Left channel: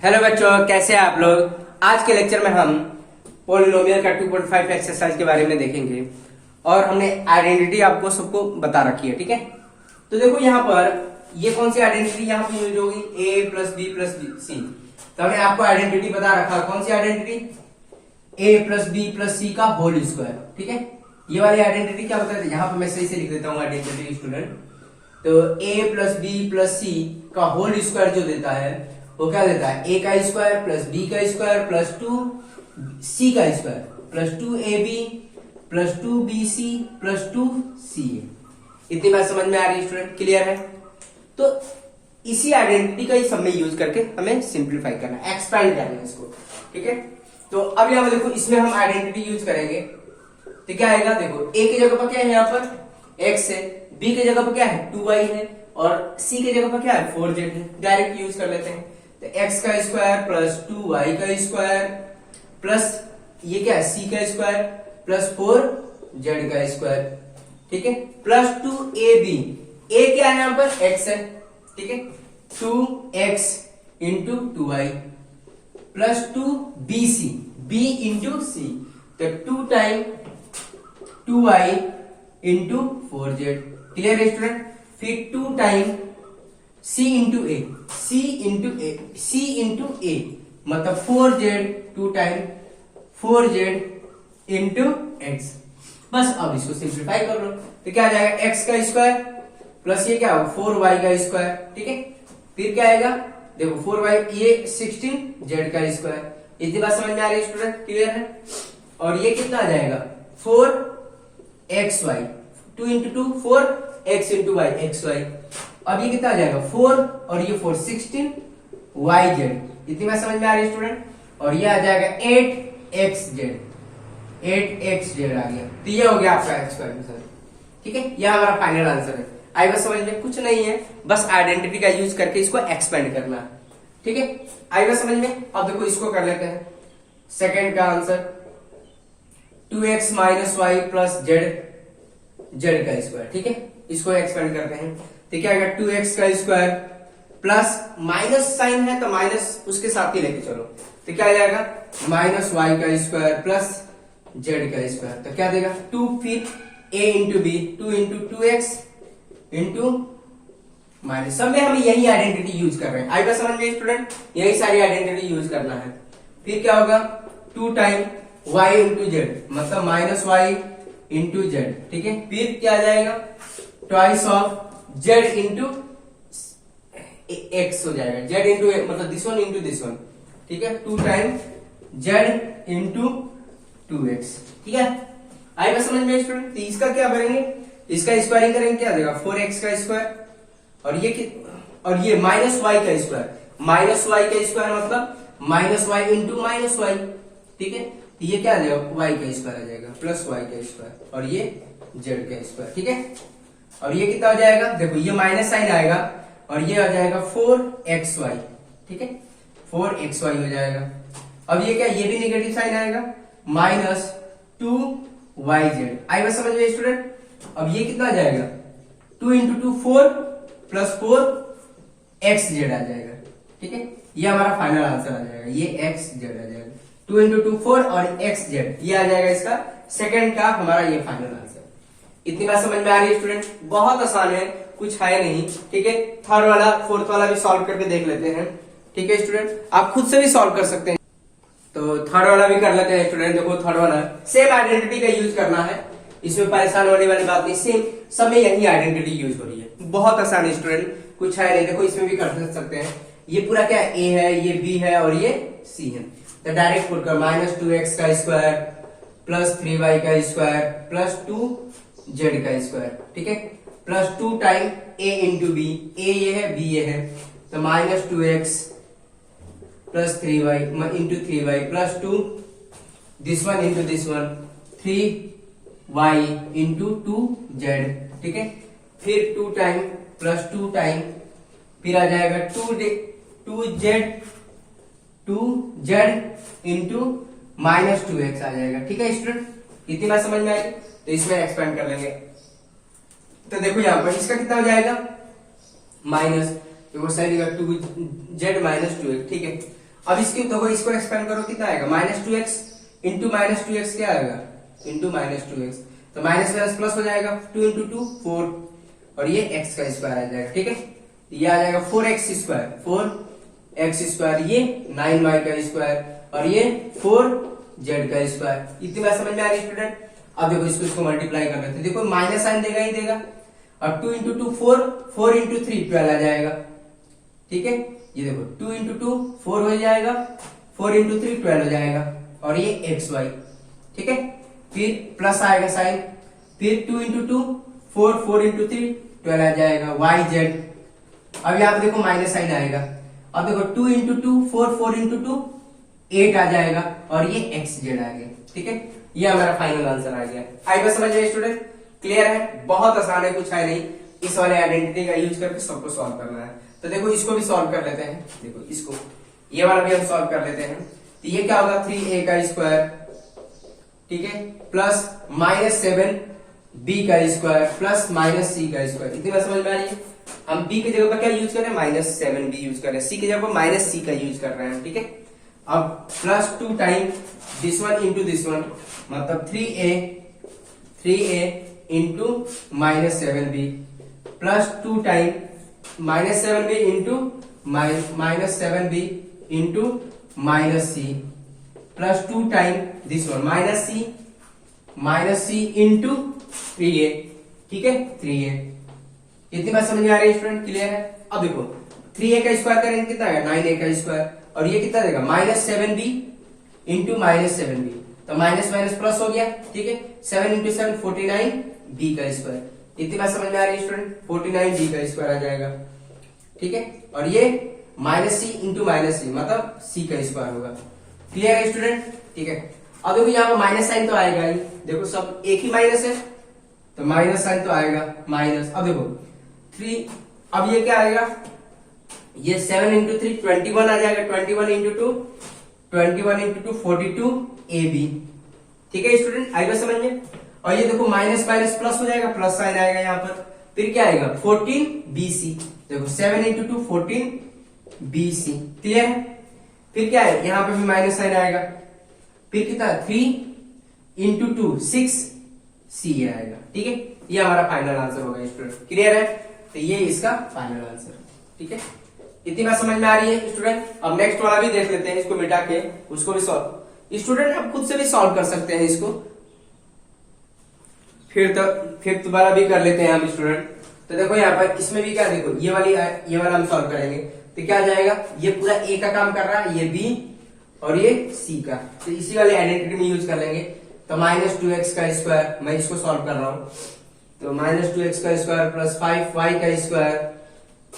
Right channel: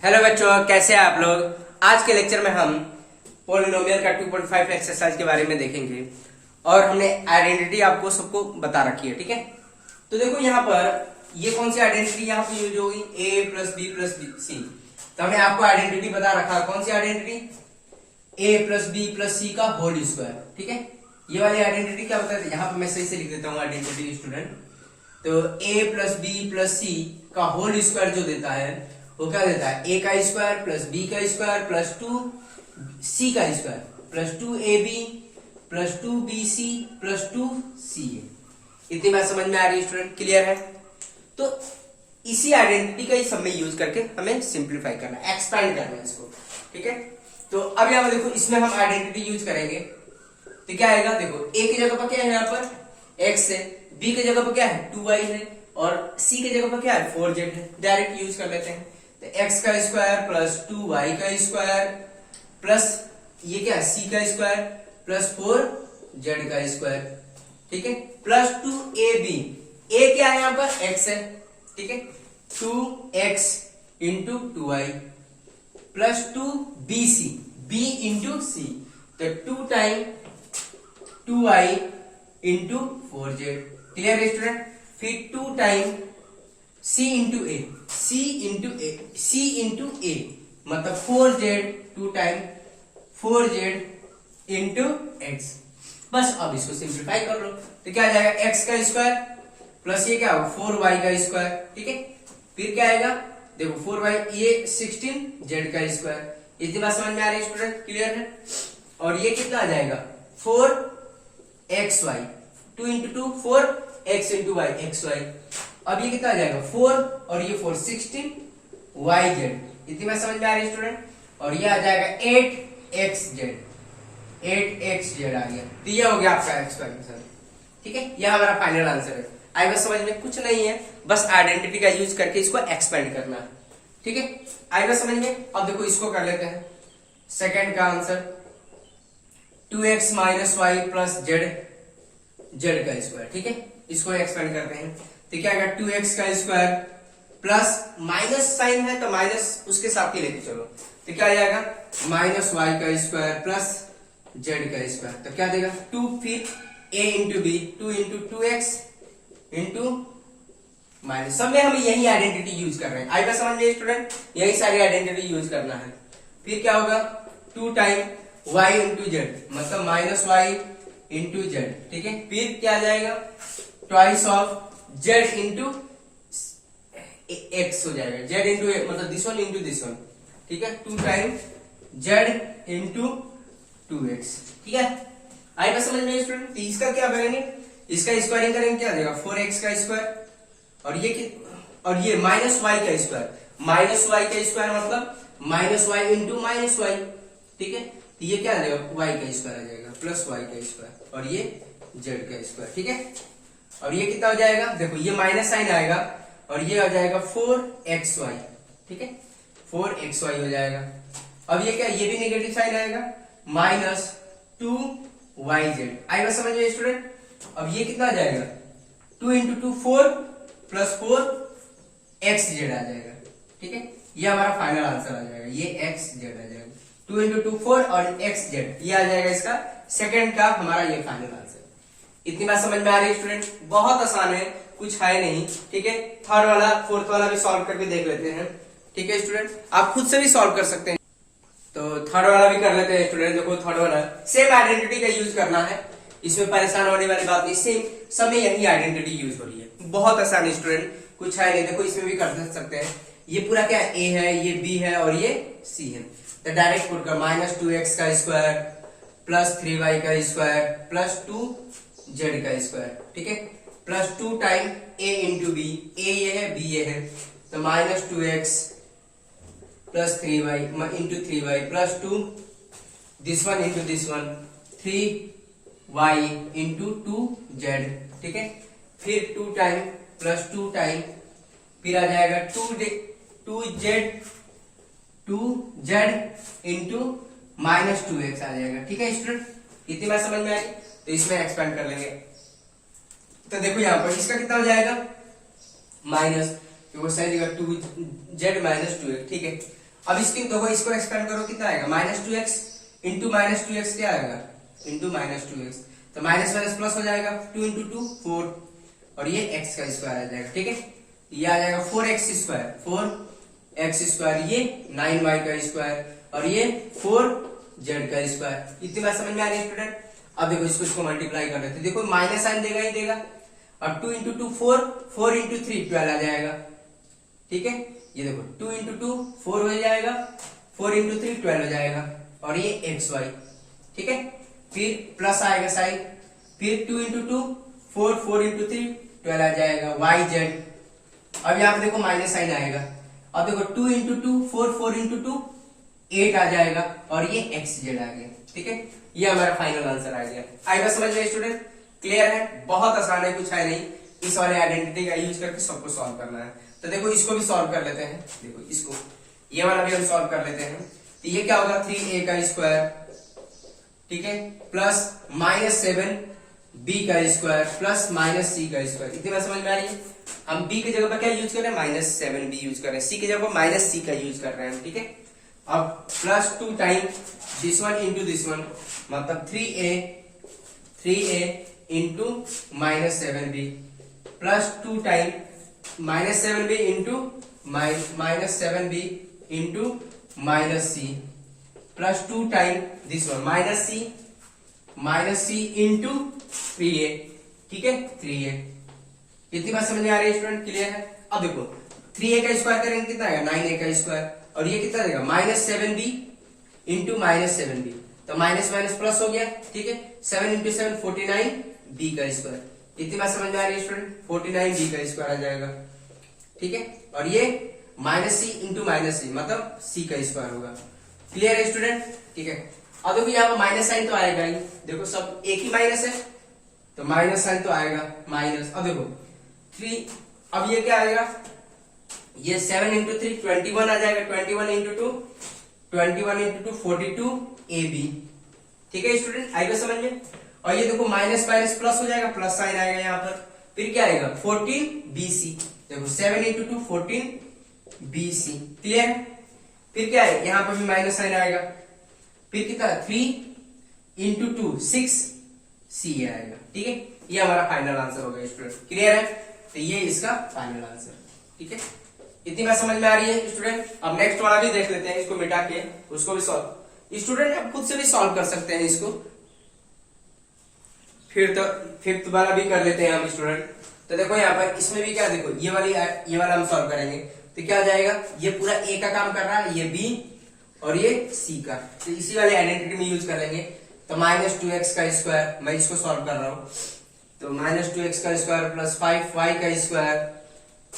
Hello बच्चों, कैसे हैं आप लोग। आज के लेक्चर में हम पॉलिनोमियल का 2.5 एक्सरसाइज के बारे में देखेंगे और हमने आइडेंटिटी आपको सबको बता रखी है। ठीक है, तो देखो यहाँ पर ये कौन सी आइडेंटिटी यहाँ पे यूज होगी, a plus b plus c. तो हमने आपको आइडेंटिटी बता रखा है, कौन सी identity, a plus b plus c का होल स्क्वायर। ठीक है, ये वाली आइडेंटिटी क्या बताते हैं, यहाँ पे मैं सही से लिख देता हूँ आइडेंटिटी स्टूडेंट। तो a plus b plus c का होल स्क्वायर जो देता है वो क्या देता है, a का स्क्वायर प्लस b का स्क्वायर प्लस 2c का square plus 2ab plus 2bc plus 2ca। इतनी बात समझ में आ रही है स्टूडेंट, क्लियर है। तो इसी आइडेंटिटी का ही सब में यूज करके हमें सिंप्लीफाई करना है, एक्सपैंड करना है इसको। ठीक है, तो अब यहाँ देखो इसमें हम आइडेंटिटी यूज करेंगे तो क्या आएगा, देखो a की जगह पर क्या है यहाँ पर x है, b की जगह पर क्या है 2y है और c की जगह पर क्या है 4z है। डायरेक्ट यूज कर लेते हैं। तो x का स्क्वायर प्लस 2y का स्क्वायर प्लस ये क्या है c का स्क्वायर प्लस 4z का स्क्वायर। ठीक है, प्लस 2ab, a क्या है यहाँ पर x है। ठीक है, 2x into 2y plus 2bc, b into c, तो 2 time 2y into 4z। Clear है स्टूडेंट। फिर 2 टाइम c इंटू ए, c इंटू ए, c इंटू ए मतलब 4z, 2 time 4z into x। बस अब इसको सिंप्लीफाई कर लो तो क्या आ जाएगा, x का स्क्वायर प्लस ये क्या होगा 4y का स्क्वायर। ठीक है, फिर क्या आएगा, देखो 4y ये 16z का स्क्वायर। इतनी बात समझ में आ रही है स्टूडेंट, क्लियर है। और ये कितना आ जाएगा 4xy, 2 into 2 4x into y xy। अब ये कितना आ जाएगा 4 और ये 4 16yz। इतनी बात समझ में आ रही है स्टूडेंट। और ये आ जाएगा 8xz, 8xz आ गया। तो ये हो गया आपका x का आंसर। ठीक है, यह हमारा फाइनल आंसर है। आई बस समझ में, कुछ नहीं है, बस आइडेंटिटी का यूज करके इसको एक्सपेंड करना है। ठीक है, आई बस समझ में। अब देखो इसको कर लेते हैं सेकंड का answer, 2x minus Y plus z का स्क्वायर। ठीक है, इसको एक्सपेंड करते हैं तो क्या आएगा 2x का स्क्वायर प्लस माइनस साइन है तो माइनस उसके साथ ही लेके चलो, तो क्या आ जाएगा माइनस वाई का स्क्वायर प्लस z का स्क्वायर। तो क्या देगा 2, फिर a into B, 2 into 2x into minus, सब में हम यही आइडेंटिटी यूज कर रहे हैं। आई बात समझ में स्टूडेंट, यही सारी आइडेंटिटी यूज करना है। फिर क्या होगा 2 टाइम y इंटू जेड मतलब माइनस वाई इंटू जेड। ठीक है, फिर क्या आ जाएगा twice of z into x हो जाएगा, z इंटू मतलब this one into this one. ठीक है, 2 टाइम z इंटू 2x। ठीक है, आई बात समझ में स्टूडेंट। तो इसका क्या करेंगे, इसका स्क्वायरिंग करेंगे, क्या देगा 4x का स्क्वायर और ये माइनस वाई का स्क्वायर, माइनस वाई का स्क्वायर मतलब minus Y into minus Y. ठीक है, तो ये क्या आ जाएगा y का स्क्वायर आ जाएगा प्लस y का स्क्वायर और ये z का स्क्वायर। ठीक है, और ये कितना हो जाएगा, देखो ये माइनस साइन आएगा और ये आ जाएगा 4xy। ठीक है, 4xy हो जाएगा। अब ये क्या, ये भी नेगेटिव साइन आएगा माइनस 2yz। आई बात समझ में स्टूडेंट। अब ये कितना आ जाएगा 2 इंटू 2 4 प्लस 4xz आ जाएगा। ठीक है, ये हमारा फाइनल आंसर आ जाएगा, ये xz आ जाएगा, 2 इंटू 2 4 और xz ये आ जाएगा इसका सेकंड का हमारा ये फाइनल आंसर। इतनी बात समझ में आ रही है स्टूडेंट, बहुत आसान है, कुछ है नहीं। ठीक है, थर्ड वाला फोर्थ वाला भी सॉल्व करके देख लेते हैं। ठीक है स्टूडेंट, आप खुद से भी सॉल्व कर सकते हैं। तो थर्ड वाला भी कर लेते हैं स्टूडेंट। देखो थर्ड वाला सेम आइडेंटिटी का यूज करना है, इसमें परेशान होने वाली बात नहीं, सेम सब में यही आइडेंटिटी यूज हो रही है, बहुत आसान है स्टूडेंट, कुछ है नहीं। देखो इसमें भी कर सकते हैं, ये पूरा क्या a है, ये b है और ये c है। तो डायरेक्ट पुट कर माइनस 2x का स्क्वायर प्लस 3y का स्क्वायर प्लस 2z का स्क्वायर। ठीक है, plus 2 time a into B, a ये है b ये है, तो minus 2x plus 3y into 3y plus 2 this one into this one 3y into 2z। ठीक है, फिर 2 टाइम प्लस 2 टाइम फिर आ जाएगा 2z इंटू माइनस 2x आ जाएगा। ठीक है स्टूडेंट, इतनी बात समझ में आई। तो इसमें एक्सपेंड कर लेंगे तो देखो यहाँ पर इसका कितना हो जाएगा माइनस, तो वो सही जगह 2z माइनस 2x। ठीक है, अब इसकी देखो, इसको एक्सपेंड करो, कितना आएगा -2x इंटू -2x क्या आएगा, इंटू -2x, तो माइनस माइनस प्लस हो जाएगा, 2 इंटू 2 4, और ये x का स्क्वायर आ जाएगा। ठीक है, ये आ जाएगा 4x स्क्वायर, ये 9y का स्क्वायर, और ये 4z का स्क्वायर। इतनी बात समझ में आ रही है स्टूडेंट। अब देखो इसको मल्टीप्लाई कर लेते हैं, देखो माइनस साइन देगा ही देगा, और 2 इंटू 2 4, 4 इंटू 3 12 आ जाएगा। ठीक है, ये देखो 2 इंटू 2 4 हो जाएगा, 4 इंटू 3 12 हो जाएगा, और ये xy। ठीक है, फिर प्लस आएगा साइन, फिर 2 इंटू 2 4, 4 इंटू 3 12 आ जाएगा, yz। अब यहाँ पे देखो माइनस साइन आएगा, अब देखो 2 इंटू 2 4, 4 इंटू 2 8 आ जाएगा, और ये xz आ गया। ठीक है, ये हमारा फाइनल आंसर आ गया। आई बात समझ गए स्टूडेंट, क्लियर है, बहुत आसान है, कुछ है नहीं। इस वाले आइडेंटिटी का यूज करके सबको सॉल्व करना है। तो देखो इसको भी सॉल्व कर लेते हैं, देखो इसको, ये वाला भी हम सॉल्व कर लेते हैं। तो ये क्या होगा, 3a का स्क्वायर, ठीक है, प्लस -7b का स्क्वायर प्लस -c का स्क्वायर। इतनी बात समझ में आ रही है। हम b की जगह पर क्या यूज कर रहे हैं, -7b यूज कर रहे हैं, c की जगह पर -c का यूज कर रहे हैं। ठीक है, अब plus 2 time this one into this one, मतलब 3a into -7b plus 2 time -7b into -7b into -c plus 2 time this one -c into 3a। ठीक है, 3a। इतनी बात समझ में आ रही है स्टूडेंट, क्लियर है। अब देखो 3a का स्क्वायर करेंगे कितना आएगा, 9a का स्क्वायर, और ये कितना देगा, -7b इंटू -7b, तो माइनस माइनस प्लस हो गया। ठीक है, 7 इंटू 7 49b का स्क्वायर। इतनी बात समझ में आ रही है स्टूडेंट, 49b का स्क्वायर आ जाएगा। ठीक है, और ये -c इंटू -c मतलब c का स्क्वायर होगा। क्लियर है स्टूडेंट। ठीक है, अब देखो यहाँ पर माइनस साइन तो आएगा ही, देखो सब एक ही माइनस है, तो माइनस साइन तो आएगा माइनस। अब देखो 3, अब ये क्या आएगा, ये 7 इंटू 3 21 आ जाएगा, 21 इंटू 2 42ab। ठीक है स्टूडेंट, आएगा समझ में। और ये देखो माइनस माइनस प्लस हो जाएगा, प्लस साइन आएगा यहाँ पर, फिर क्या आएगा 14bc। देखो 7 इंटू 2 14bc। क्लियर है, फिर क्या है, यहाँ पर भी माइनस साइन आएगा, फिर कितना 3 इंटू 2 6c आएगा। ठीक है, ये हमारा फाइनल आंसर होगा स्टूडेंट। क्लियर है, तो ये इसका फाइनल आंसर। ठीक है, इतनी बात समझ में आ रही है स्टूडेंट। अब नेक्स्ट वाला भी देख लेते हैं, इसको मिटा के उसको भी सॉल्व, स्टूडेंट आप खुद से भी सॉल्व कर सकते हैं इसको, फिर दोबारा भी कर लेते हैं हम स्टूडेंट। तो देखो यहाँ पर इसमें भी क्या, देखो ये वाला हम सॉल्व करेंगे, तो क्या आ जाएगा, ये पूरा ए का काम कर रहा है, ये बी और ये सी का, तो इसी वाली आइडेंटिटी में यूज कर लेंगे। तो -2x का स्क्वायर, मैं इसको सॉल्व कर रहा हूं, तो -2x का स्क्वायर प्लस 5y का स्क्वायर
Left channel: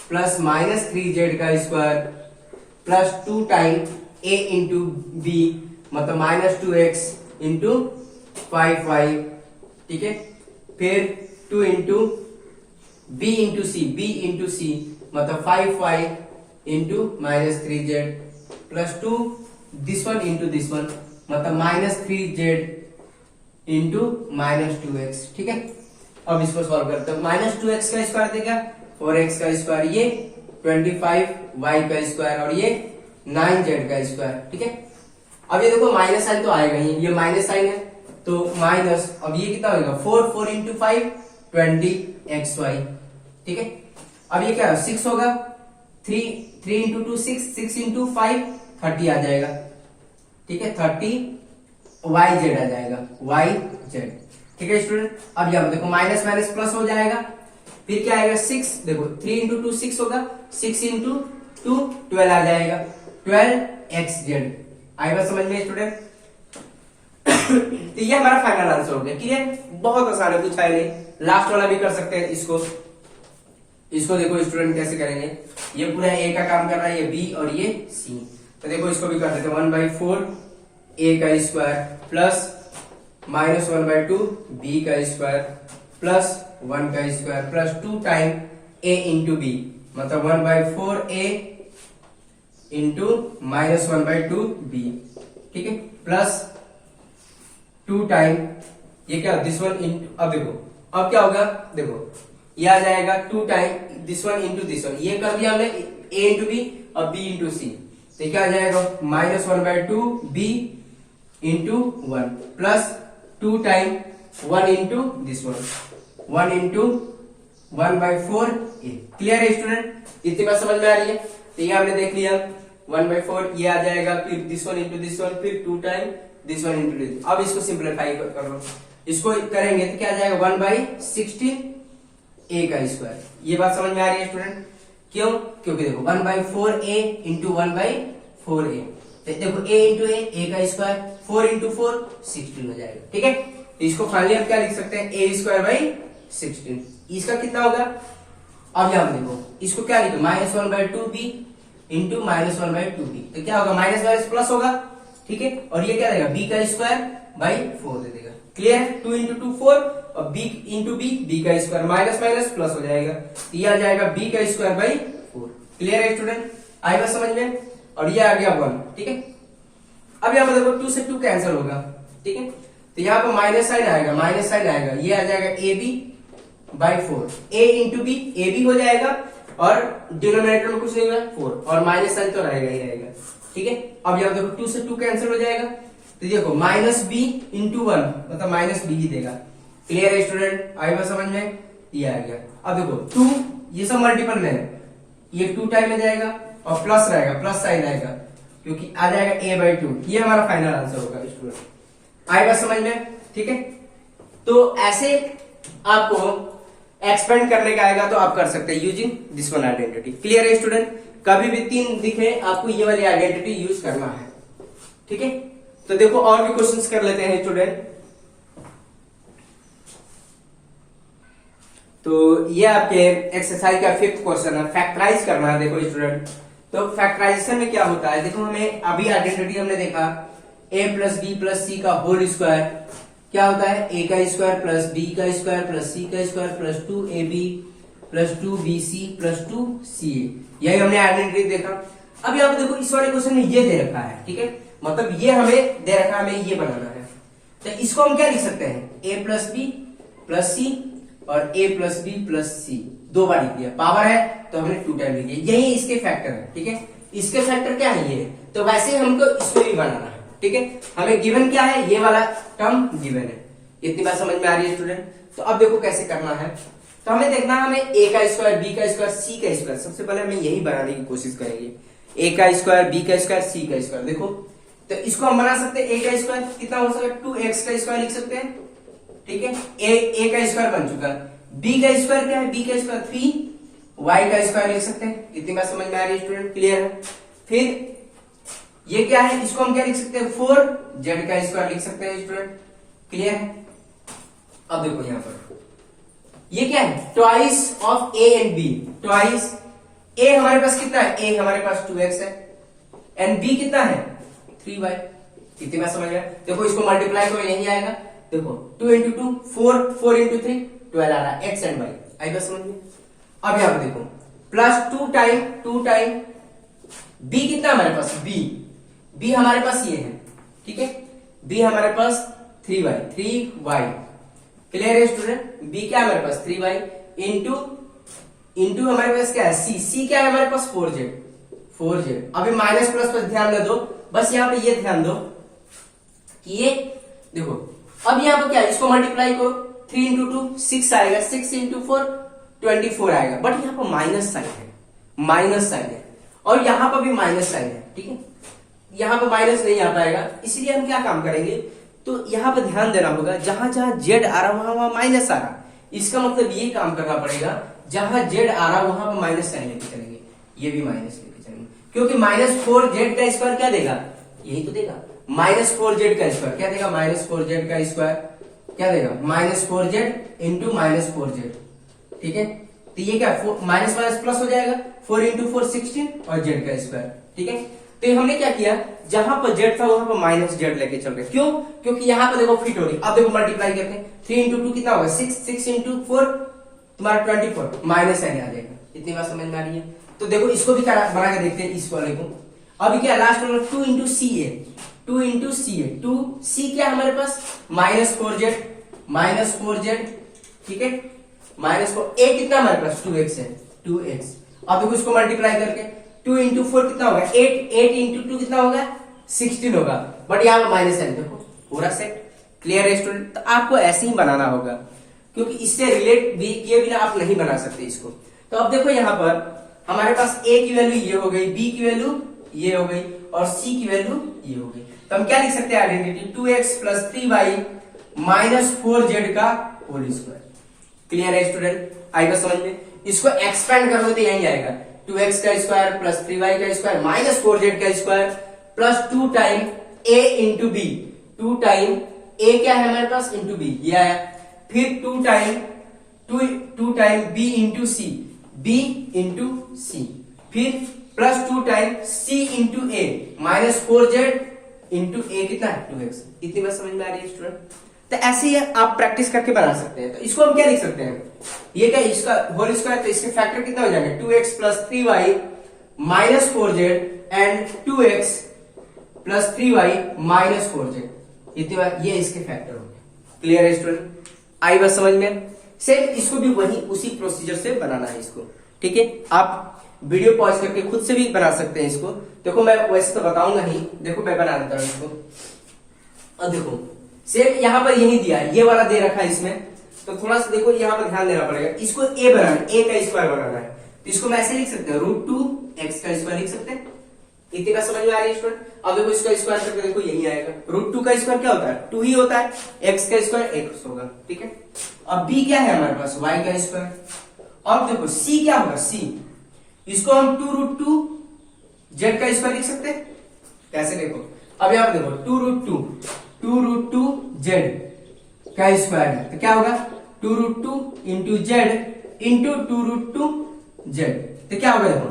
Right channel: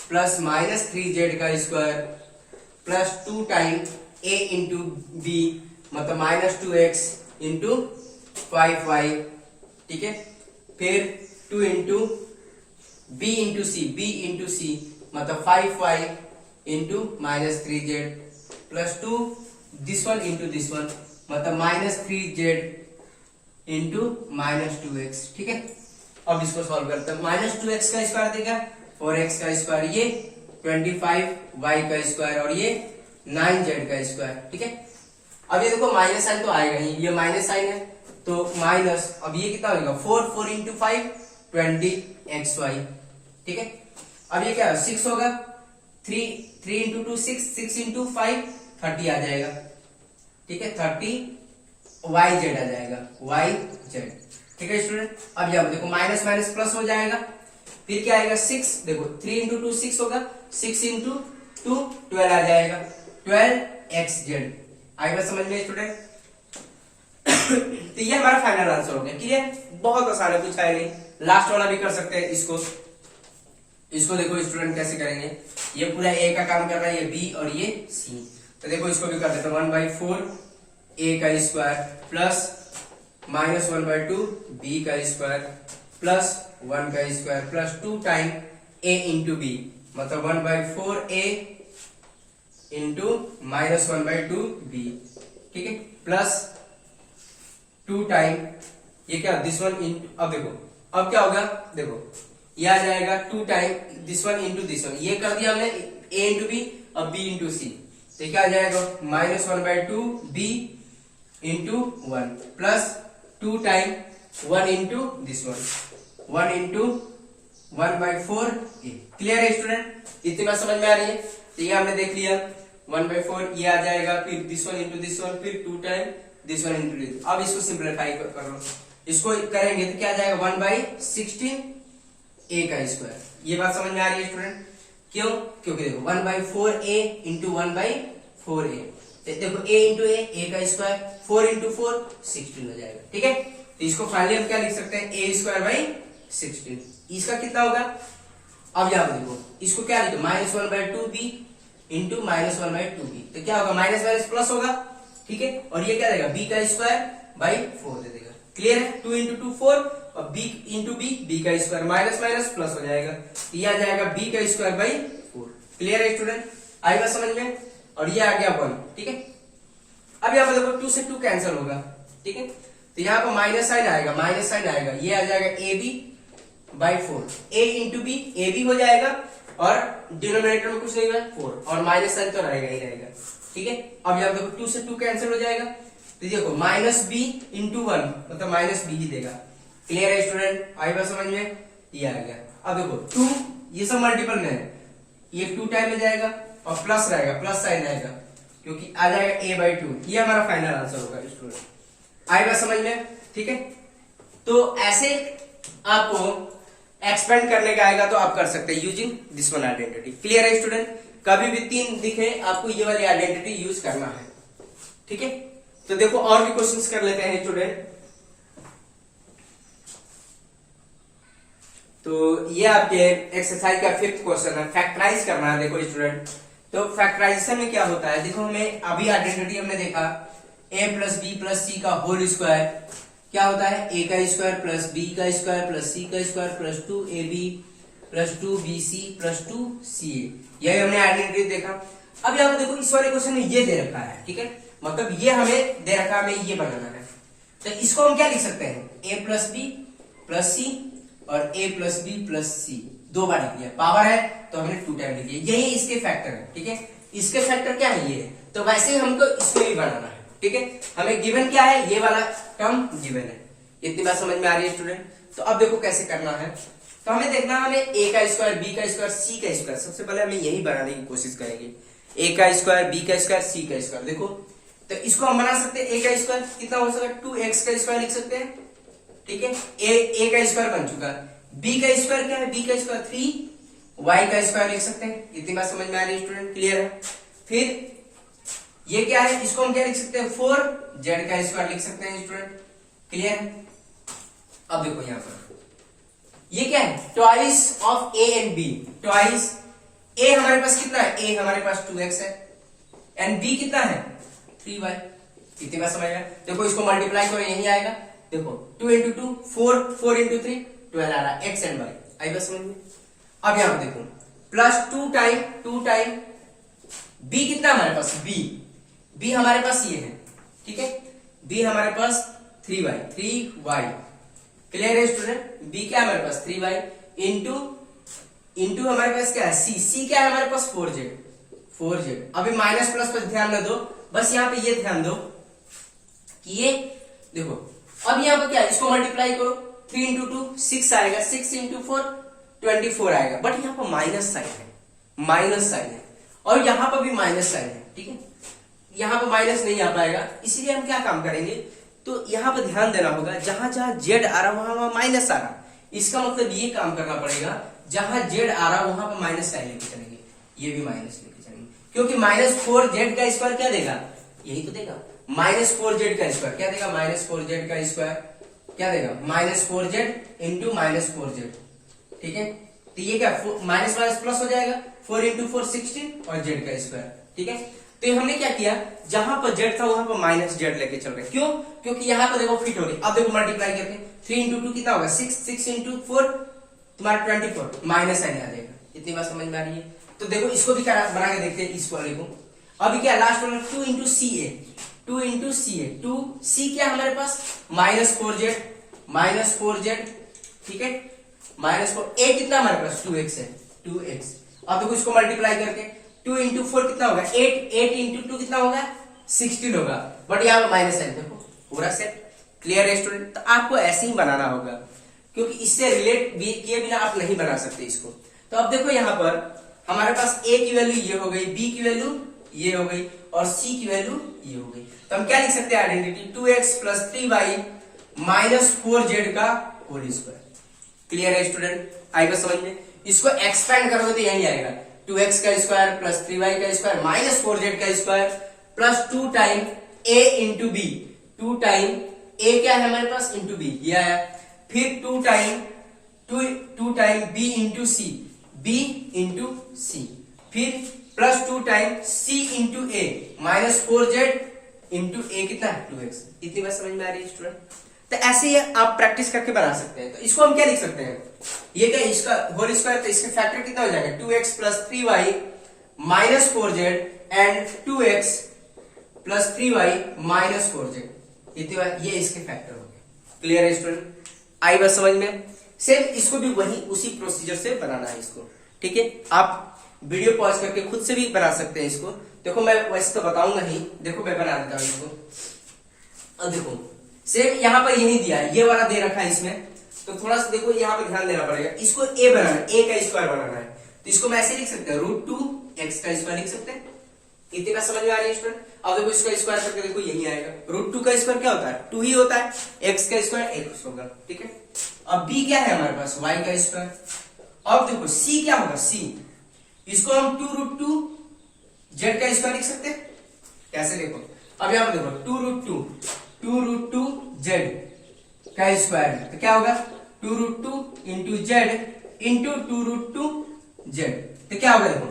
प्लस -3z का square plus 2 time a into B, मतलब -2x इंटू 5y। ठीक है, फिर 2 इंटू b इंटू c मतलब 5y into -3z plus 2 this one into this one, मतलब -3z इंटू -2x। ठीक है, अब इसको सॉल्व करते हैं। -2x का स्क्वायर देगा 4x का स्क्वायर, ये 25y का स्क्वायर, और ये 9z का स्क्वायर। ठीक है, अब ये देखो माइनस साइन तो आएगा ही, ये माइनस साइन है तो माइनस, अब ये कितना होगा 4 इंटू 5 20xy। ठीक है, अब ये क्या है 6 होगा, 3 इंटू 2 6 इंटू 5 30 आ जाएगा। ठीक है, 30 yz आ जाएगा, yz। ठीक है स्टूडेंट, अब यहाँ देखो माइनस माइनस प्लस हो जाएगा, फिर क्या आएगा 6, देखो 3 इंटू 2 6 होगा, 6 इंटू 2 12 आ जाएगा, 12xz। आएगा समझ में स्टूडेंट। तो ये हमारा फाइनल आंसर हो गया। क्लियर, बहुत आसान है, कुछ है नहीं। लास्ट वाला भी कर सकते हैं इसको देखो स्टूडेंट कैसे करेंगे, ये पूरा ए का काम कर रहा है, ये बी और ये सी, तो देखो इसको भी कर देते हैं। 1/4 a का स्क्वायर प्लस -1/2 b का स्क्वायर प्लस 1 का square plus 2 time a into B, मतलब 1/4 a इंटू -1/2 b। ठीक है, प्लस 2 टाइम ये क्या दिस वन इंटू, अब देखो अब क्या होगा, देखो ये आ जाएगा 2 time this one into this one, ये कर दिया हमने a इंटू बी और b इंटू सी, तो तो क्या आ जाएगा -1/2 b into 1 plus 2 time 1 into this 1 into 1/4 a। Clear है स्टूडेंट? इतनी बात समझ में आ रही है? तो ये हमने देख लिया 1/4 ये आ जाएगा, फिर दिस 1 इंटू दिस 1, फिर 2 टाइम दिस 1 इंटू दिस। अब इसको सिंप्लीफाई कर लो, इसको करेंगे तो क्या आ जाएगा 1/16 a का स्क्वायर। ये बात समझ में आ रही है स्टूडेंट? क्यों? क्योंकि देखो 1/4 a इंटू 1/4 a, देखो a इंटू a का स्क्वायर, 4 इंटू 4 16 हो जाएगा। ठीक है, तो इसको फाइनली हम क्या लिख सकते हैं a²/16। इसका कितना होगा? अब यहां पर देखो इसको क्या लिखो -1/2b इंटू -1/2b, तो क्या होगा माइनस माइनस प्लस होगा। ठीक है, और ये क्या देगा b का स्क्वायर बाई 4 दे देगा। क्लियर है? 2 इंटू 2 4 और b इंटू b का स्क्वायर माइनस माइनस प्लस हो जाएगा, ये आ जाएगा b का स्क्वायर बाई 4। क्लियर है स्टूडेंट? आई बात समझ में? और ये आ गया 1। ठीक है, अब यहाँ पर देखो 2 से 2 कैंसिल होगा। ठीक है, तो यहाँ पर माइनस साइन आएगा, ये आ जाएगा ab/4, a into b A B हो जाएगा और डिनोमिनेटर में कुछ नहीं होगा 4 और माइनस साइन तो रहेगा ही रहेगा। ठीक है, अब यहाँ देखो 2 से 2 कैंसिल हो जाएगा, तो देखो -b इंटू 1 मतलब -b ही देगा। क्लियर है स्टूडेंट? आई बात समझ में? ये आ गया। अब देखो 2 ये सब मल्टीपल में है, ये 2 टाइम में जाएगा और प्लस रहेगा, प्लस साइन आएगा क्योंकि आ जाएगा a/2। ये हमारा फाइनल आंसर होगा स्टूडेंट। आई बात समझ में? ठीक है, तो ऐसे आपको एक्सपेंड करने का आएगा तो आप कर सकते हैं using this one identity. Clear है स्टूडेंट? कभी भी 3 दिखे आपको ये वाली आइडेंटिटी यूज करना है। ठीक है, तो देखो और भी क्वेश्चंस कर लेते हैं स्टूडेंट। तो ये आपके एक्सरसाइज का 5th क्वेश्चन है, फैक्टराइज करना है। देखो स्टूडेंट, तो फैक्टराइजेशन में क्या होता है, देखो हमें अभी आइडेंटिटी हमने देखा a plus b plus c का होल स्क्वायर क्या होता है, a का स्क्वायर प्लस b का स्क्वायर प्लस c का square plus 2ab plus 2bc plus 2ca। यही हमने आइडेंटिटी देखा। अब यहाँ पे देखो इस वाले क्वेश्चन में ये दे रखा है। ठीक है, मतलब ये हमें दे रखा है, हमें ये बनाना है, तो इसको हम क्या लिख सकते हैं a प्लस बी प्लस सी और a प्लस बी प्लस सी 2 बार लिख दिया, पावर है तो हमने 2 टाइम लिख दिया। यही इसके फैक्टर है। ठीक है, इसके फैक्टर क्या है ये, तो वैसे हमको इसको भी बनाना है। ठीक है, हमें गिवन क्या है, ये वाला टर्म गिवन है। इतनी बात समझ में आ रही है स्टूडेंट? तो अब देखो कैसे करना है, तो हमें देखना है हमें a का स्क्वायर b का स्क्वायर c का स्क्वायर। सबसे पहले हमें यही बनाने की कोशिश करेंगे, a का स्क्वायर b का स्क्वायर c का स्क्वायर। देखो तो इसको हम बना सकते हैं a का स्क्वायर कितना हो सकता है 2x का स्क्वायर लिख सकते हैं। ठीक है, a का स्क्वायर बन चुका है, b का स्क्वायर क्या है, b का स्क्वायर 3y का स्क्वायर लिख सकते हैं। इतनी बात समझ में आ रही है स्टूडेंट? क्लियर है? फिर ये क्या है, इसको हम क्या लिख सकते हैं 4z का स्क्वायर लिख सकते हैं स्टूडेंट। क्लियर है? अब देखो यहां पर ये क्या है, twice of a and b। Twice a हमारे पास कितना है, a हमारे पास 2x है एंड b कितना है 3y। इतनी बात समझ गया? देखो इसको मल्टीप्लाई करो यही आएगा। देखो 2 इंटू 2 4, 4 इंटू 3 12 आ रहा है, x एंड y। आई बात समझ में? अब यहां पर देखो प्लस 2 टाइम b कितना हमारे पास, b हमारे पास ये है। ठीक है, b हमारे पास 3y। क्लियर है स्टूडेंट? b क्या है हमारे पास 3y इंटू हमारे पास क्या है c क्या है हमारे पास 4z। अभी माइनस प्लस पर ध्यान न दो, बस यहाँ पे ये ध्यान दो कि ये देखो अब यहाँ पे क्या है, इसको मल्टीप्लाई करो 3 इंटू 2 6 आएगा, 6 इंटू 4 24 आएगा। बट यहाँ पर माइनस साइन है और यहाँ पर भी माइनस साइन है। ठीक है, यहाँ पर माइनस नहीं आ पाएगा, इसलिए हम क्या काम करेंगे, तो यहाँ पर ध्यान देना होगा जहां जहां जेड आ रहा वहां माइनस आ रहा। इसका मतलब ये काम करना पड़ेगा, जहां जेड आ रहा वहां पर माइनस साइन लेके चलेंगे, ये भी माइनस लेके चलेंगे, क्योंकि -4z का स्क्वायर क्या देगा, यही तो देगा -4z का स्क्वायर क्या देगा, -4z का स्क्वायर क्या देगा -4z इंटू -4z। ठीक है, तो ये क्या माइनस माइनस प्लस हो जाएगा, 4 इंटू 4 16 और z का स्क्वायर। ठीक है, तो हमने क्या किया, जहां पर z था वहां पर माइनस z लेके चल रहे। क्यों? क्योंकि यहां पर देखो फिट हो रही। अब देखो मल्टीप्लाई करते हैं, 3 इंटू 2 कितना होगा 6 इंटू 4 तुम्हारा 24 माइनस साइन आ जाएगा। इतनी बात समझ में आ रही है? तो देखो इसको भी बना के देखते हैं इस वाले को। अभी क्या लास्ट वाला 2 इंटू सी ए, 2c क्या है हमारे पास -4z। ठीक है, -4 a कितना हमारे पास 2x है, 2x। अब देखो इसको मल्टीप्लाई करके 2 इंटू 4 कितना होगा 8, 8 इंटू 2 कितना होगा 16 होगा, बट यहाँ पे माइनस साइन देखो पूरा सेट। क्लियर है स्टूडेंट? तो आपको ऐसे ही बनाना होगा, क्योंकि इससे रिलेट भी किए बिना आप नहीं बना सकते इसको। तो अब देखो यहाँ पर हमारे पास a की वैल्यू ये हो गई, b की वैल्यू ये हो गई और c की वैल्यू ये हो गई। तो हम क्या लिख सकते हैं identity 2x plus 3y minus 4z का होल स्क्वायर। क्लियर है स्टूडेंट? आएगा समझ में? इसको एक्सपेंड करोगे तो यही आएगा 2x का स्क्वायर प्लस 3y का स्क्वायर माइनस 4z का square plus 2 time a into B. 2 time a क्या है हमारे पास इंटू बी, ये आया। फिर 2 टाइम b इंटू सी, b इंटू सी, फिर plus 2 time c into a minus 4z into a कितना है 2x। इतनी बात समझ में आ रही है स्टूडेंट? तो ऐसे ही आप प्रैक्टिस करके बना सकते हैं। तो इसको हम क्या लिख सकते हैं, ये क्या इसका होल स्क्वायर, तो इसके फैक्टर कितना हो जाएगा 2x plus 3y minus 4z and 2x plus 3y minus 4z। इतनी बार ये इसके फैक्टर हो गए। क्लियर है स्टूडेंट? आई बात समझ में? सेम इसको भी वही उसी प्रोसीजर से बनाना है इसको। ठीक है, आप वीडियो पॉज करके खुद से भी बना सकते हैं इसको। देखो मैं वैसे तो बताऊंगा ही, देखो मैं बना देता हूं इसको। अब देखो सेम यहाँ पर यही दिया है, ये वाला दे रखा है इसमें, तो थोड़ा सा देखो यहाँ पर ध्यान देना पड़ेगा। इसको a बनाना, a का स्क्वायर बनाना है, तो इसको मैं ऐसे लिख सकते हैं √2 x का स्क्वायर लिख सकते हैं। इतनी बात समझ में आ रही है स्टूडेंट? अब देखो इसका स्क्वायर करके देखो यही आएगा। √2 का स्क्वायर क्या होता है 2 ही होता है, x का स्क्वायर x होगा। ठीक है, अब b क्या है हमारे पास y का स्क्वायर। अब देखो c क्या होगा c, इसको हम 2√2 z का स्क्वायर लिख सकते हैं। कैसे देखो, अब यहाँ पर देखो 2√2 z का स्क्वायर है, तो क्या होगा 2√2 इंटू जेड इंटू 2√2 z, तो क्या होगा देखो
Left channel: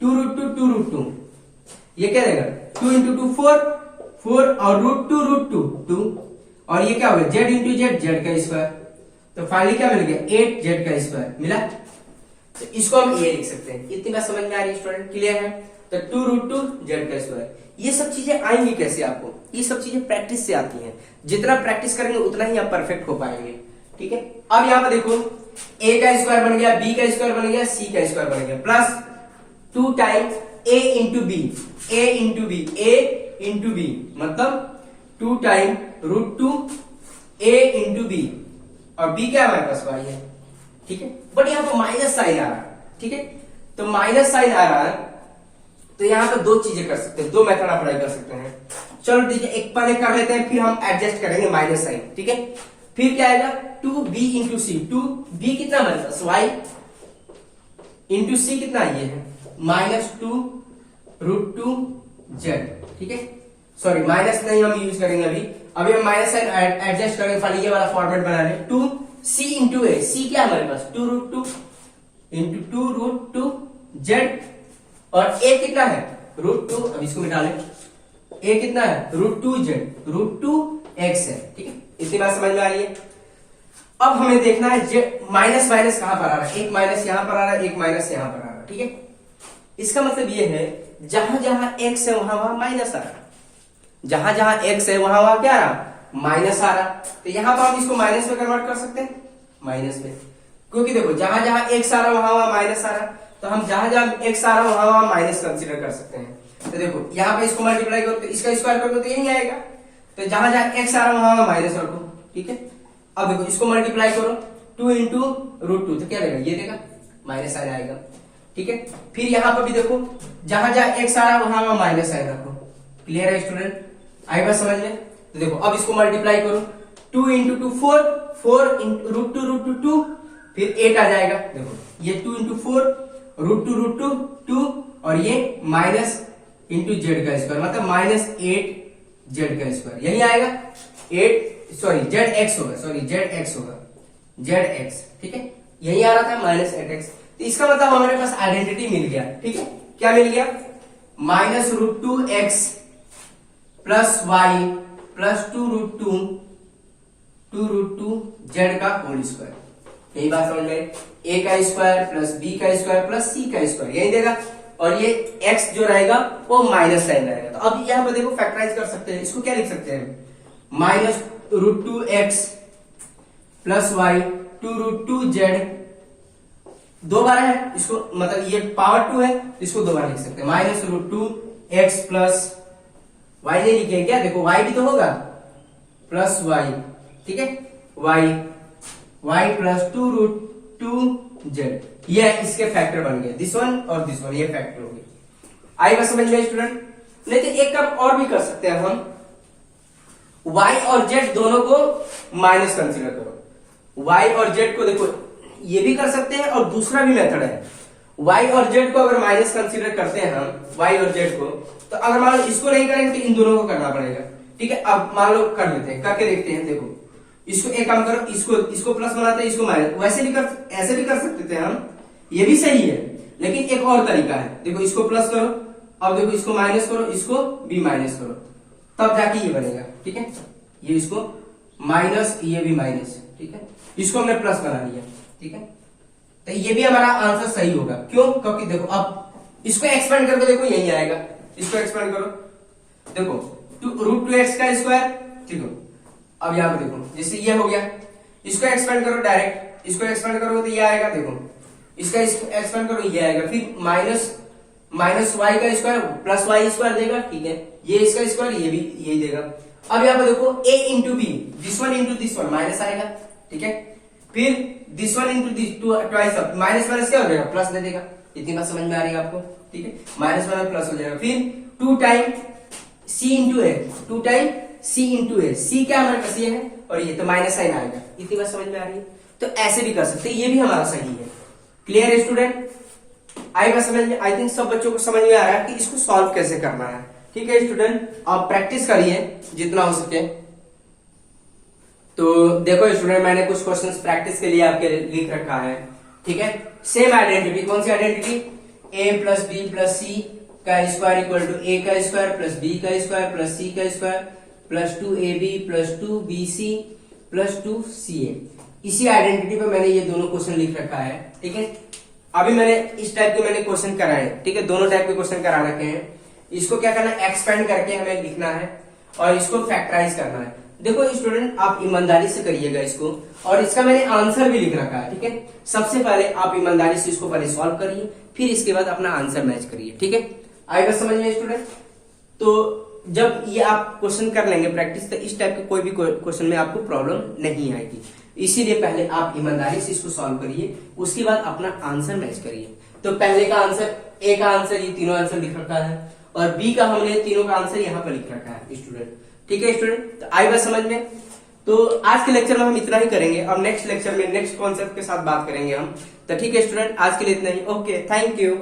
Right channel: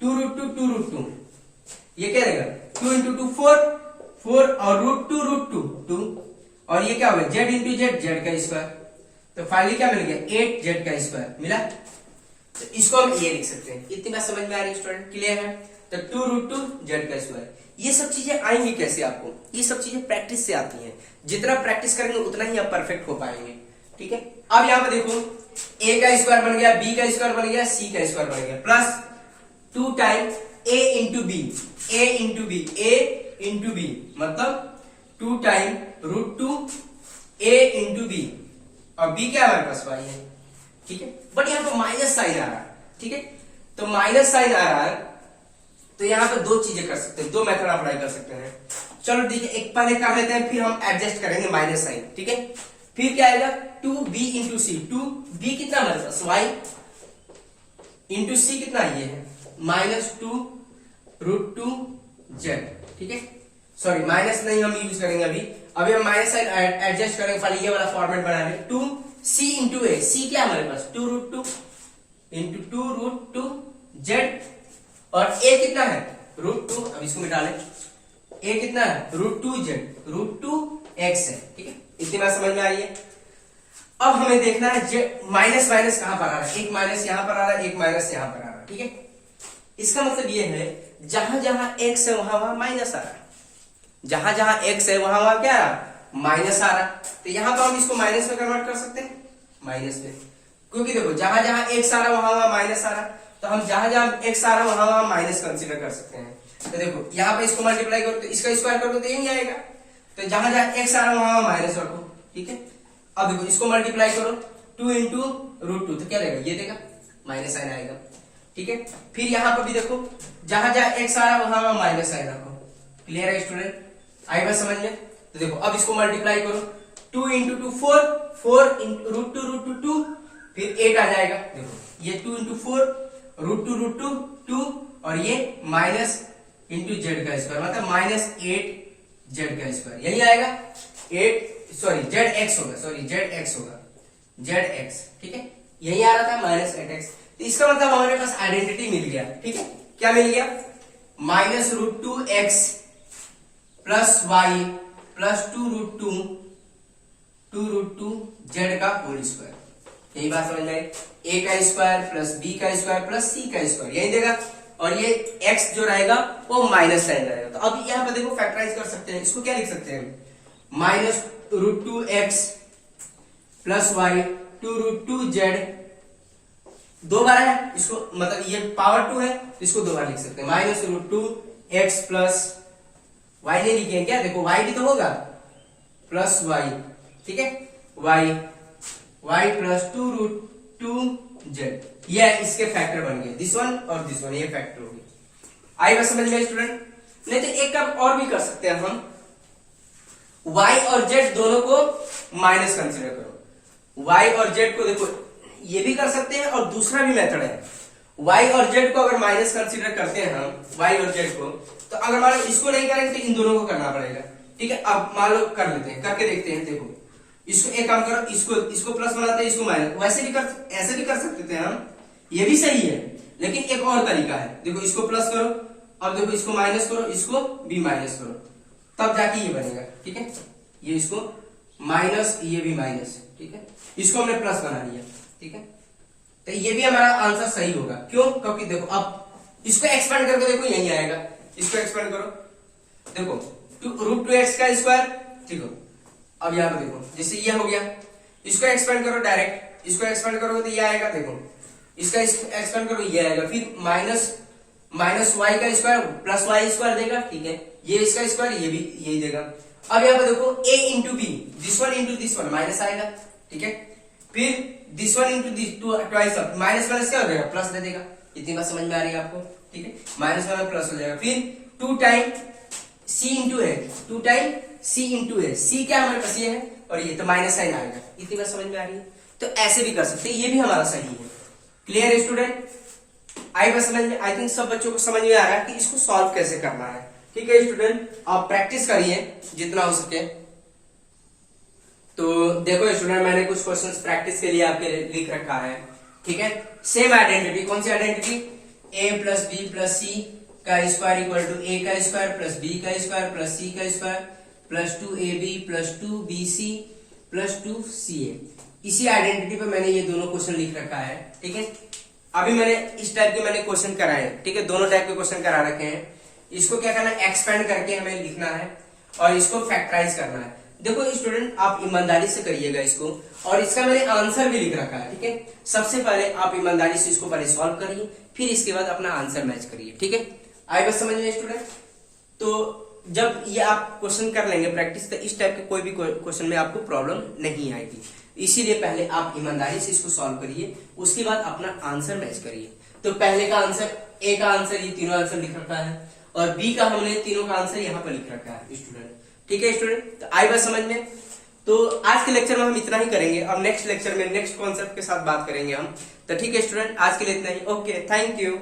2√2 ये क्या देगा 2 इंटू 2 4 और √2 2 और ये क्या होगा z इंटू जेड का स्क्वायर, तो फाइनली क्या मिल गया 8z का स्क्वायर मिला। तो इसको हम ये लिख सकते हैं। इतनी बात समझ में आ रही है स्टूडेंट? क्लियर है? तो 2√2 z का स्क्वायर। ये सब चीजें आएंगी कैसे आपको, ये सब चीजें प्रैक्टिस से आती हैं। जितना प्रैक्टिस करेंगे उतना ही आप परफेक्ट हो पाएंगे। ठीक है, अब यहाँ पर देखो a का स्क्वायर बन गया, b का स्क्वायर बन गया, c का स्क्वायर बन गया, plus 2 time a into B, a into B मतलब 2 टाइम √2 a इंटू बी, और b क्या हमारे पास y है। ठीक है, बट यहाँ पर माइनस साइन आ रहा है। ठीक है, तो माइनस साइन आ रहा है, तो यहाँ पर दो चीजें कर सकते हैं, दो मेथड अप्लाई कर सकते हैं। चलो ठीक है, एक पहले कर लेते हैं, फिर हम एडजस्ट करेंगे माइनस साइन। ठीक है, फिर क्या आएगा 2b इंटू सी, 2b कितना हमारे पास y इंटू सी कितना ये है माइनस 2√2 z। ठीक है, सॉरी माइनस नहीं हम यूज करेंगे अभी हम माइनस साइन एडजस्ट करेंगे, पहले ये वाला फॉर्मेट बना लें। 2c इंटू ए, सी क्या हमारे पास 2√2 इंटू 2√2 z और a कितना है √2, अब इसको मिटा लें, a कितना है √2z, √2x है। ठीक है, इतनी बात समझ में आ रही है? अब हमें देखना है माइनस माइनस कहां पर आ रहा है, एक माइनस यहां पर आ रहा है, एक माइनस यहां पर आ रहा है। ठीक है, इसका मतलब ये है जहां जहां x है वहां वहां माइनस आ रहा है, जहां जहां x है वहां वहां क्या आ रहा माइनस आ रहा। तो यहां पर हम इसको माइनस में कन्वर्ट कर सकते हैं, माइनस में, क्योंकि देखो जहां जहां x आ रहा वहां वहां माइनस आ रहा, तो हम जहां जहां x आ रहा वहां वहां माइनस कंसीडर कर सकते हैं। तो देखो यहाँ पे इसको मल्टीप्लाई करो तो इसका स्क्वायर कर दो तो यही आएगा, तो जहां जहां x आ रहा वहां वहां माइनस रखो। ठीक है, अब देखो इसको मल्टीप्लाई करो 2 इंटू √2, तो क्या देगा ये देगा माइनस साइन आएगा। ठीक है, फिर यहाँ पर भी देखो जहां जहां x आ रहा वहां वहां माइनस साइन रखो। क्लियर है स्टूडेंट? आई बात समझ में? तो देखो अब इसको मल्टीप्लाई करो 2 इंटू 2 4 इंटू √2 फिर 8 आ जाएगा। देखो ये 2 इंटू 4 √2 2 और ये माइनस इंटू जेड का स्क्वायर मतलब माइनस 8 जेड का स्क्वायर, यही आएगा 8 सॉरी जेड एक्स होगा, सॉरी जेड एक्स होगा, जेड एक्स। ठीक है, यही आ रहा था माइनस 8x। तो इसका मतलब हमारे पास आइडेंटिटी मिल गया। ठीक है, क्या मिल गया minus √2x plus Y plus 2√2 Z का होल स्क्वायर। यही बात समझ में, a का स्क्वायर प्लस b का स्क्वायर प्लस c का स्क्वायर यही देगा, और ये x जो रहेगा वो माइनस साइन रहेगा। तो अब यहाँ पर देखो फैक्टराइज कर सकते हैं, इसको क्या लिख सकते हैं minus √2x plus Y 2√2 Z दो बार है, इसको मतलब ये पावर 2 है तो इसको दो बार लिख सकते हैं, -√2x प्लस वाई नहीं लिखे क्या, देखो वाई भी तो होगा प्लस वाई, ठीक है, वाई प्लस 2√2z, ये इसके फैक्टर बन गए, दिस वन और दिस वन, ये फैक्टर हो गया। आएगा समझ में स्टूडेंट? नहीं तो एक काम और भी कर सकते हैं हम, y और z दोनों को माइनस कंसीडर करो, y और z को देखो ये भी कर सकते हैं और दूसरा भी मेथड है, y और z को अगर माइनस कंसीडर करते हैं हम, y और z को, तो अगर मान लो इसको नहीं करेंगे तो इन दोनों को करना पड़ेगा, ठीक है। अब मान लो कर लेते हैं, करके देखते हैं, देखो इसको एक काम करो, इसको प्लस बनाते हैं, इसको माइनस, वैसे भी ऐसे भी कर सकते थे हम, ये भी सही है, लेकिन एक और तरीका है, देखो इसको प्लस करो, अब देखो इसको माइनस करो, इसको भी माइनस करो, तब जाके ये बनेगा, ठीक है, ये इसको माइनस, ये भी माइनस, ठीक है, इसको हमने प्लस बना लिया, ठीक है, तो ये भी हमारा आंसर सही होगा, क्यों? क्योंकि देखो अब इसको एक्सपेंड करके देखो यही आएगा, इसको एक्सपेंड करो, देखो √2x का स्क्वायर, ठीक है, अब यहां पे देखो जैसे ये हो गया, इसको एक्सपेंड करो डायरेक्ट, इसको एक्सपेंड करोगे तो ये आएगा, देखो इसका एक्सपेंड करो ये आएगा, फिर माइनस वाई का स्क्वायर प्लस वाई स्क्वायर देगा, ठीक है, ये इसका स्क्वायर, ये भी यही देगा। अब यहाँ पे देखो a into B, this one into this one minus आएगा, ठीक है, फिर this one into this twice minus minus क्या हो जाएगा, प्लस दे देगा, इतनी बात समझ में आ रही है आपको, ठीक है, माइनस माइनस प्लस हो जाएगा, फिर 2 टाइम c इंटू ए, 2 टाइम c इंटू ए, c क्या हमारे पास ये है और ये तो माइनस साइन आएगा, इतनी बात समझ में आ रही है, तो ऐसे भी कर सकते हैं, ये भी हमारा सही है। क्लियर है स्टूडेंट? आई बात समझ में, आई थिंक सब बच्चों को समझ में आ रहा है कि इसको सॉल्व कैसे करना है, ठीक है स्टूडेंट, आप प्रैक्टिस करिए जितना हो सके। तो देखो स्टूडेंट, मैंने कुछ क्वेश्चंस प्रैक्टिस के लिए आपके लिख रखा है, ठीक है, सेम आइडेंटिटी, कौन सी identity, a plus b plus c का स्क्वायर इक्वल टू a का स्क्वायर प्लस b का स्क्वायर प्लस c का square plus 2ab plus 2bc plus 2ca, इसी आइडेंटिटी पे मैंने ये दोनों क्वेश्चन लिख रखा है, ठीक है। अभी मैंने इस टाइप के मैंने क्वेश्चन कराए, ठीक है, दोनों टाइप के क्वेश्चन करा रखे हैं, इसको क्या करना है, एक्सपेंड करके हमें लिखना है और इसको फैक्टराइज करना है। देखो स्टूडेंट, आप ईमानदारी से करिएगा इसको, और इसका मैंने आंसर भी लिख रखा है, ठीक है। सबसे पहले आप ईमानदारी से इसको पहले सॉल्व करिए, फिर इसके बाद अपना आंसर मैच करिए, ठीक है। आई बात समझ में स्टूडेंट? तो जब ये आप क्वेश्चन कर लेंगे प्रैक्टिस, तो इस टाइप के कोई भी क्वेश्चन में आपको प्रॉब्लम नहीं आएगी, इसीलिए पहले आप ईमानदारी से इसको सॉल्व करिए, उसके बाद अपना आंसर मैच करिए। तो पहले का आंसर, ए का आंसर ये तीनों आंसर लिख रखा है, और बी का हमने तीनों का आंसर यहाँ पर लिख रखा है स्टूडेंट, ठीक है स्टूडेंट। तो आई बात समझ में? तो आज के लेक्चर में हम इतना ही करेंगे, अब नेक्स्ट लेक्चर में नेक्स्ट कॉन्सेप्ट के साथ बात करेंगे हम। तो ठीक है स्टूडेंट, आज के लिए इतना ही, ओके, थैंक यू।